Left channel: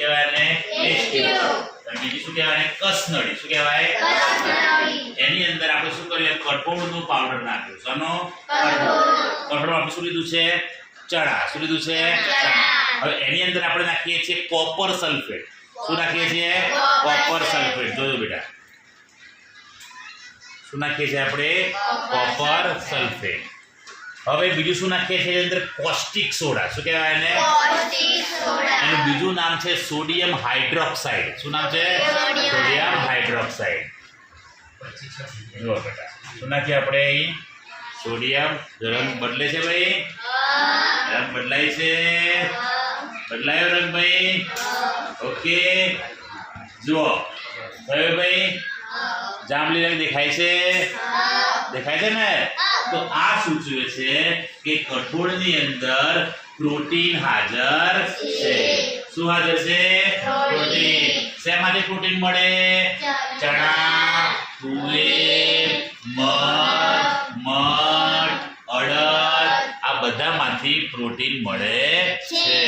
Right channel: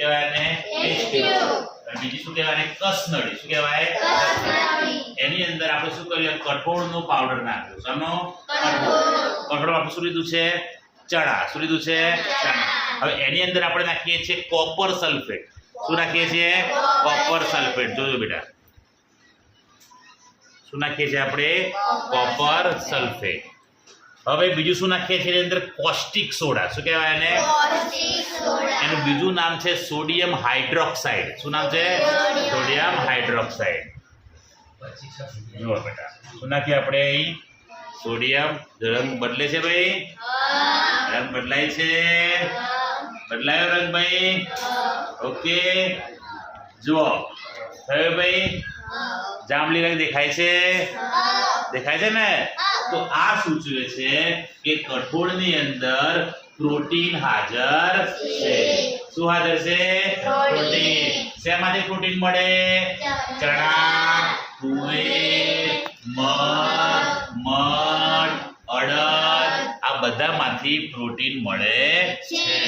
કહેવાય ને H2O અને બીજી શું કહેવાય કસનળી શું કહેવાય એની અંદર આપણે શું કર્યું કઠોળનો પાવડર નાખ્યો શાનો કઠોળ આપણે શું લીધું છે ચણા શું લીધું છે ચણા હવે એની અંદર આપણે નાખીએ છીએ કોપર સલ્ફેટ શું નાખીએ છીએ કોપર સલ્ફેટ જોજો બેટા શું નાખીએ છીએ આપણે કોપર સલ્ફેટ હવે બીજું શું નાખીએ છીએ એની અંદર કોસ્ટિક સોડા શું કહેવાય એને એનું બીજું નામ છે સોડિયમ હાઇડ્રોક્સાઇડ શું નામ છે સોડિયમ હાઇડ્રોક્સાઇડ જુઓ બેટા શું નાખીએ આપણે અહીં સોડિયમ રંગ બદલે છે ભાઈ રંગ બદલાય છે બદલાયો રંગ ભાઈ ઓકે જુઓ થયો ભાઈ જાંબલી રંગ દેખાય છે ને તો આ સૂચવે છે કે કઠોળની અંદર પ્રોટીન હાજર છે શું હાજર છે પ્રોટીન શેમાંથી પ્રોટીન મળે ચણા તુવેર મગ અડદ આ બધામાંથી પ્રોટીન મળે છે